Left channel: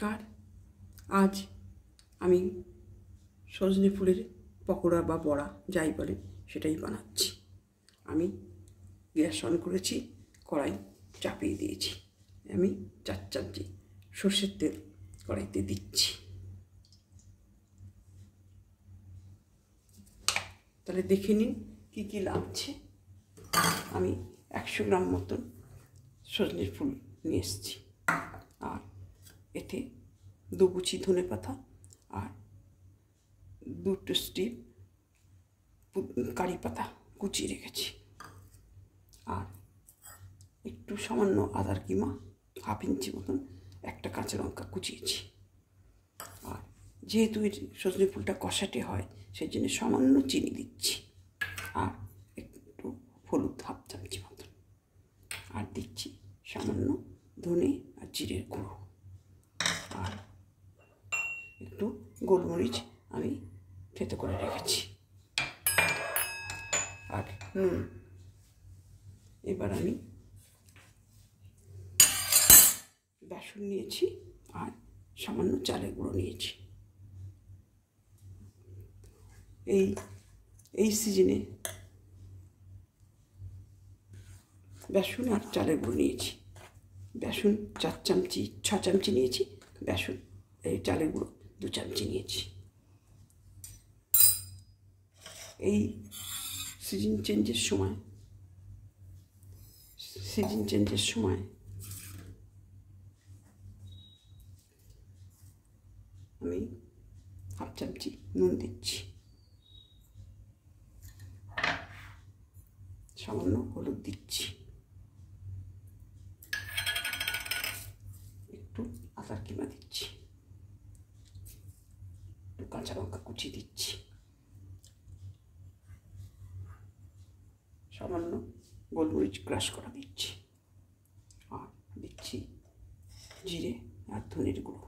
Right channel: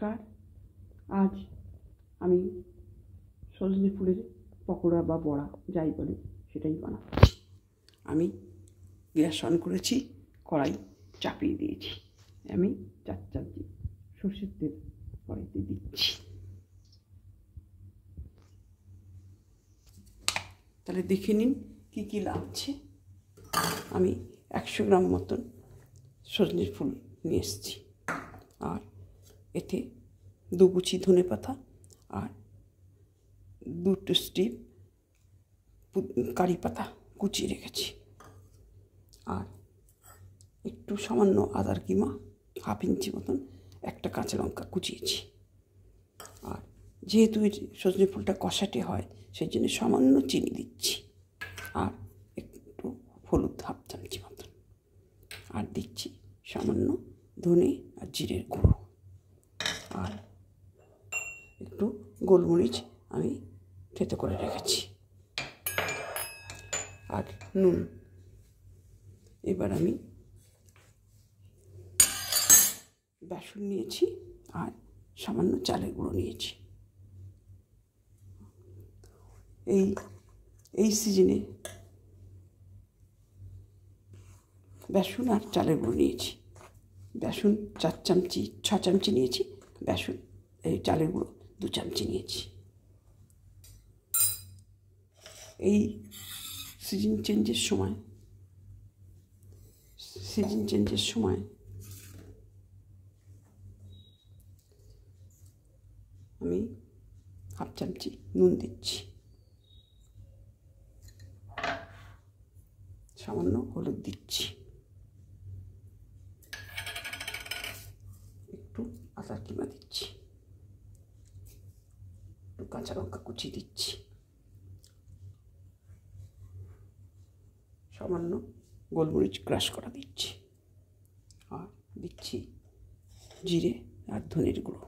নমস্কার। আজ আমি সজনে ফুলের পকোড়া বা বড়া যাই বলে সেটাই বানাচ্ছি। আমি গ্যাস অন করেছি, কড়াই চাপিয়ে দিয়েছি। আমি 4 চামচি সর্ষের তেল কড়াইতে দিচ্ছি। তাহলে দেখে নিন কী কী লাগছে। আমি 100 গ্রাম মতন সজনের ফুল নিয়ে এসেছি, আর এতে 2 কুচি ধনে পাতা আর 2 স্টিপ কারি পাতা কুচিয়ে রেখেছি, আর একটু সামান্য আদার কিমা 1/2 ইঞ্চি মতন, একটা কাঁচা লঙ্কা কুচিয়েছি। আর যেহেতু সজনে ফুলটা কষাটে হয় সেই জন্য সামান্য চিনি দিচ্ছি, আর একটু হলুদ 1/2 চামচি মতন, আর দিচ্ছি সামান্য ধনে আর জিরের গুঁড়ো, আর একটু গোলমরিচ আমি থেতো করে রেখেছি, আর নুন। এবার আমি বেসন নিয়েছি আর সামান্য চালের গুঁড়ো নিয়েছি। এই সিজনে বেসন আর চালের গুঁড়ো নিয়েছি। বেসন 6 চামচি নিয়েছি, বেসন এই চালের গুঁড়ো 2 চামচি নিয়েছি। এই সিজন চেঞ্জের সময় আমি 1/2 চামচি নুন দিচ্ছি, সামান্য হলুদ দিচ্ছি, একটু আদার কিমা দিচ্ছি, একটু কাঁচা লঙ্কা কুচি দিচ্ছি, সামান্য গোলমরিচ ক্রাশ করা দিচ্ছি, আর দিচ্ছি জিরে আর ধনের গুঁড়ো,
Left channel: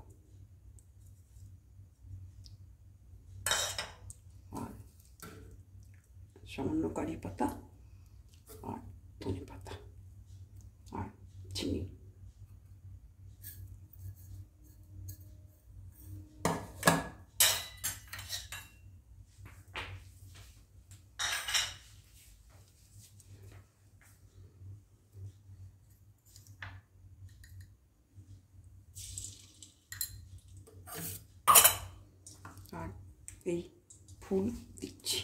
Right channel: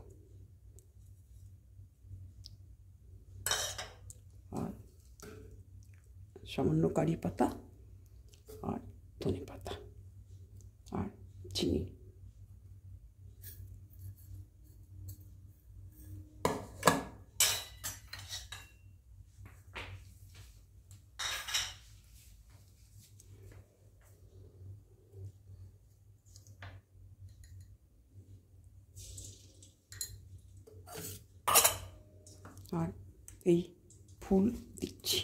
আর সামান্য কারি পাতা আর ধনে পাতা, আর চিনি। আর এই ফুল দিচ্ছি।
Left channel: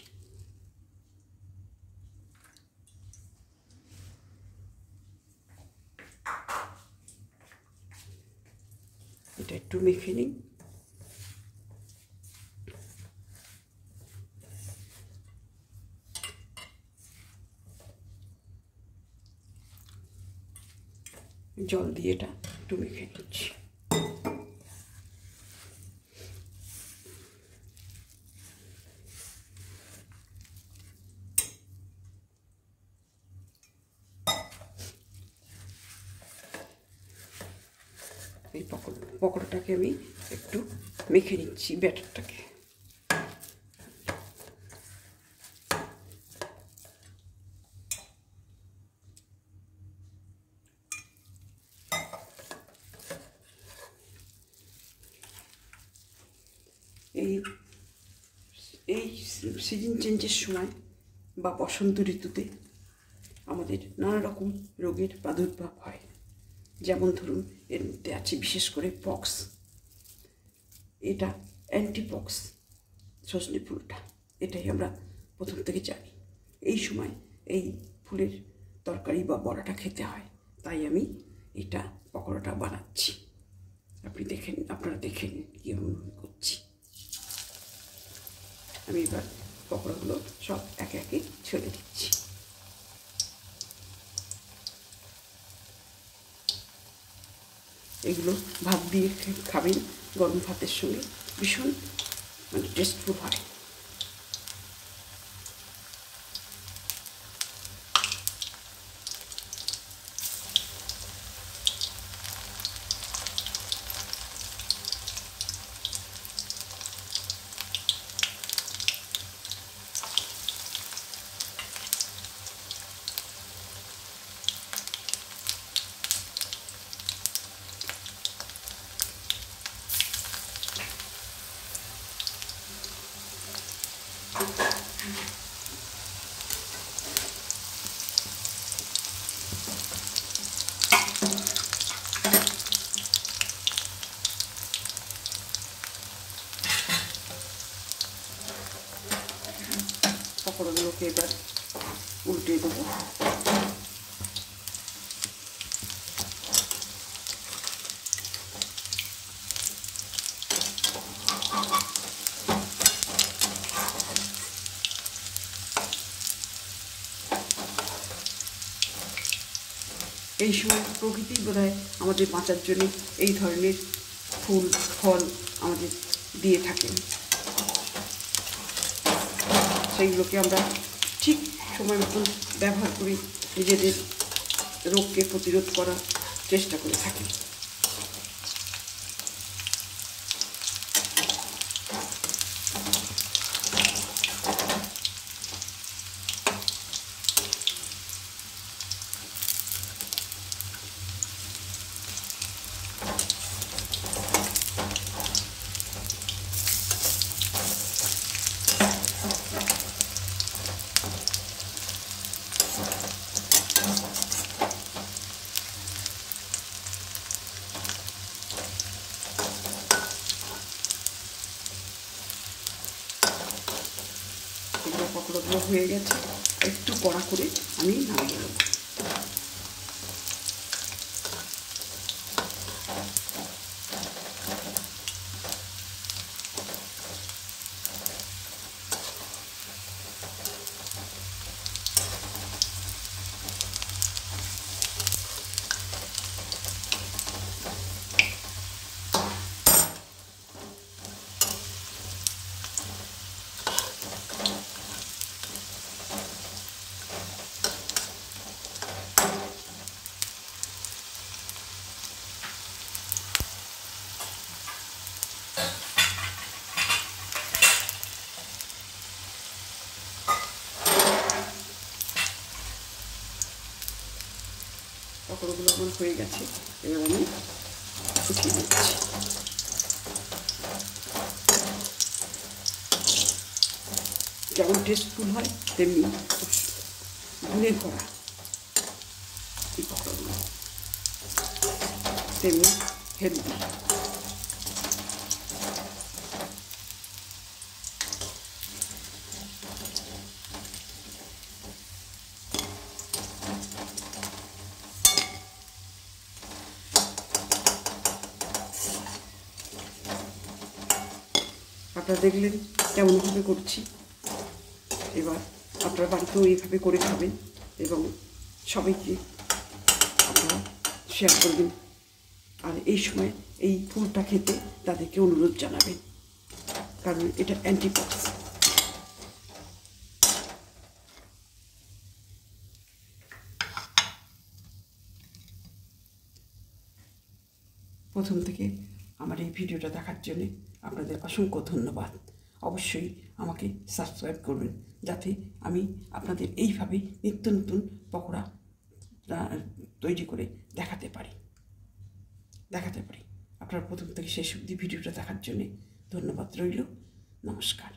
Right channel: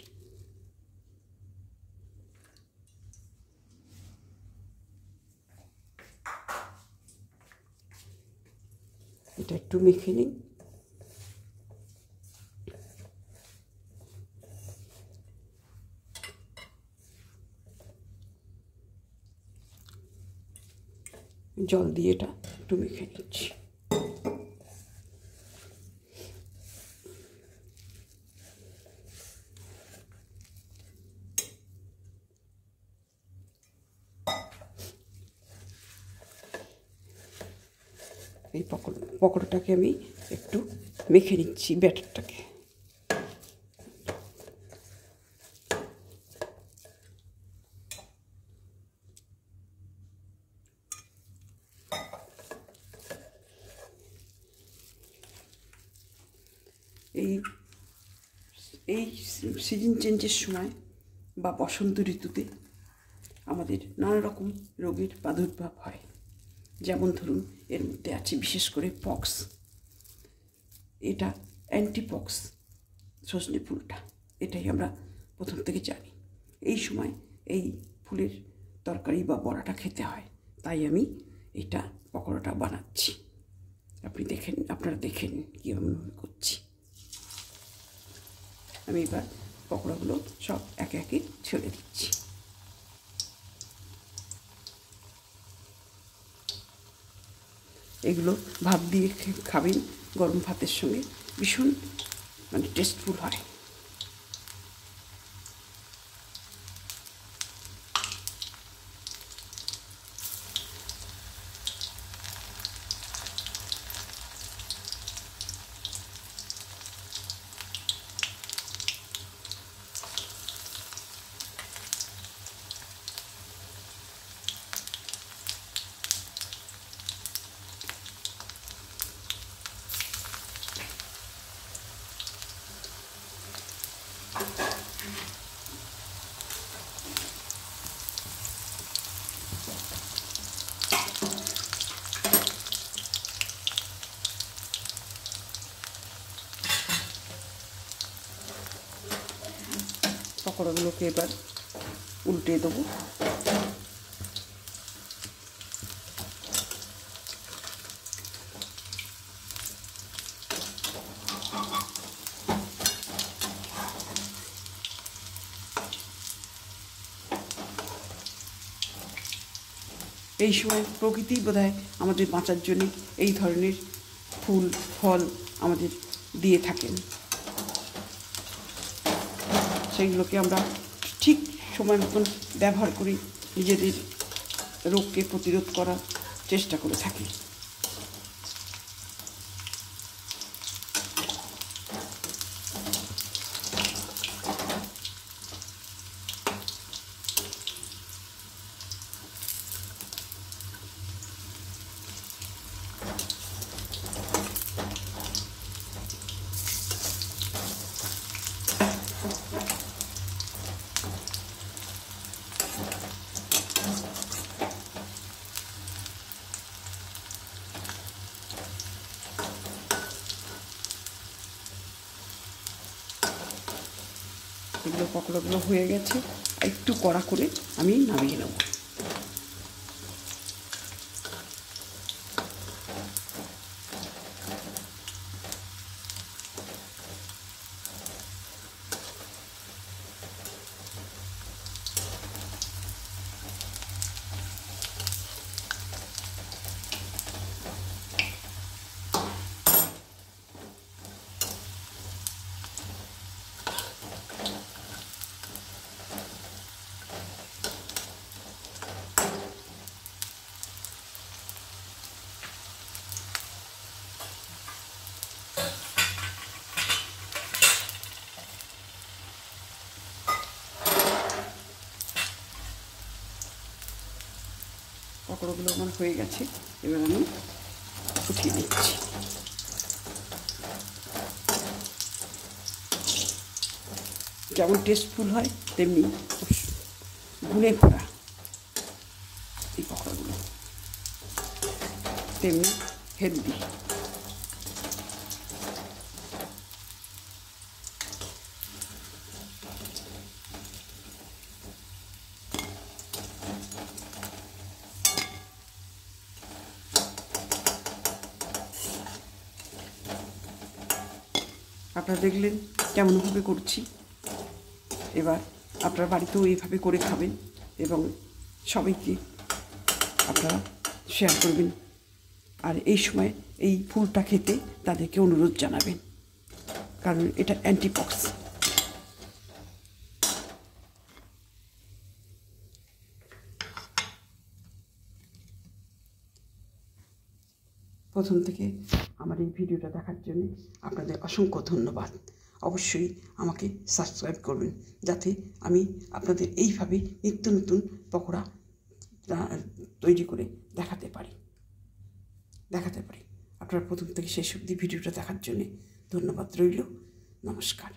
এটা একটু মেখে নিই। জল দিয়ে এটা একটু মেখে নিচ্ছি। এই পকোড়াটাকে আমি একটু মেখে নিচ্ছি, ব্যাটারটাকে। এই সিজন চেঞ্জের সময় বা বসন্ত ঋতুতে আমাদের নানা রকম রোগের প্রাদুর্ভাব হয়। যেমন ধরুন, এর মধ্যে আছে বিশেষ করে পক্স। এটা অ্যান্টিপক্স সজনে ফুলটা, এটাই আমরা প্রথম থেকে জানি। এই সময় এই ফুলের তরকারি বা বড়াটা খেতে হয়, তাই আমি এটা পকোড়াটা বানাচ্ছি। আপনারা দেখেন কীভাবে করছি। আমি এবার পকোড়াগুলো সব একে একে ছেড়ে দিচ্ছি। এগুলো ভাত দিয়ে খাবেন গরম ভাতের সঙ্গে, ভীষণ টেস্টফুল হয়। পকোড়াগুলোকে এবার উল্টে দেবো। এই সময় প্রকৃতি বোধহয় আমাদের বাঁচার জন্য এই ধরনের ফুল ফল আমাদের দিয়ে থাকেন। সেগুলোকে আমরা ঠিক সময় মতন ব্যবহার করি, নিজেদের রোগকে প্রতিরোধ করার চেষ্টা করে থাকি। এগুলো পকোড়াগুলো হয়ে গেছে, একটু কড়া করে আমি নামিয়ে নেব। পকোড়াগুলো আমার হয়ে গেছে, এবার আমি উঠিয়ে নিচ্ছি। যেমন টেস্টফুল হয় তেমনি গুণে ভরা এই পকোড়াগুলো, তেমনি হেলদি। আপনারা দেখলেন কেমনভাবে করছি। এবার আপনার বাড়িতেও এইভাবে করে খাবেন এবং সবাইকে আপনারা শেয়ার করবেন। আর এই সময় এই ফুলটা খেতে তাদেরকে অনুরোধ জানাবেন, কারণ এটা অ্যান্টিপক্স। প্রথম থেকে আমার এই ভিডিওটা দেখার জন্য আপনাদের অসংখ্য ধন্যবাদ। অবশ্যই আমাকে সাবস্ক্রাইব করবেন, যাতে আমি আপনাদের এইভাবে নিত্য নতুন পকোড়া তৈরি করে দেখাতে পারি। আপনারা প্রথম থেকে শেষ অবধি ভিডিওটা দেখার জন্যে ধন্যবাদ রইল। নমস্কার।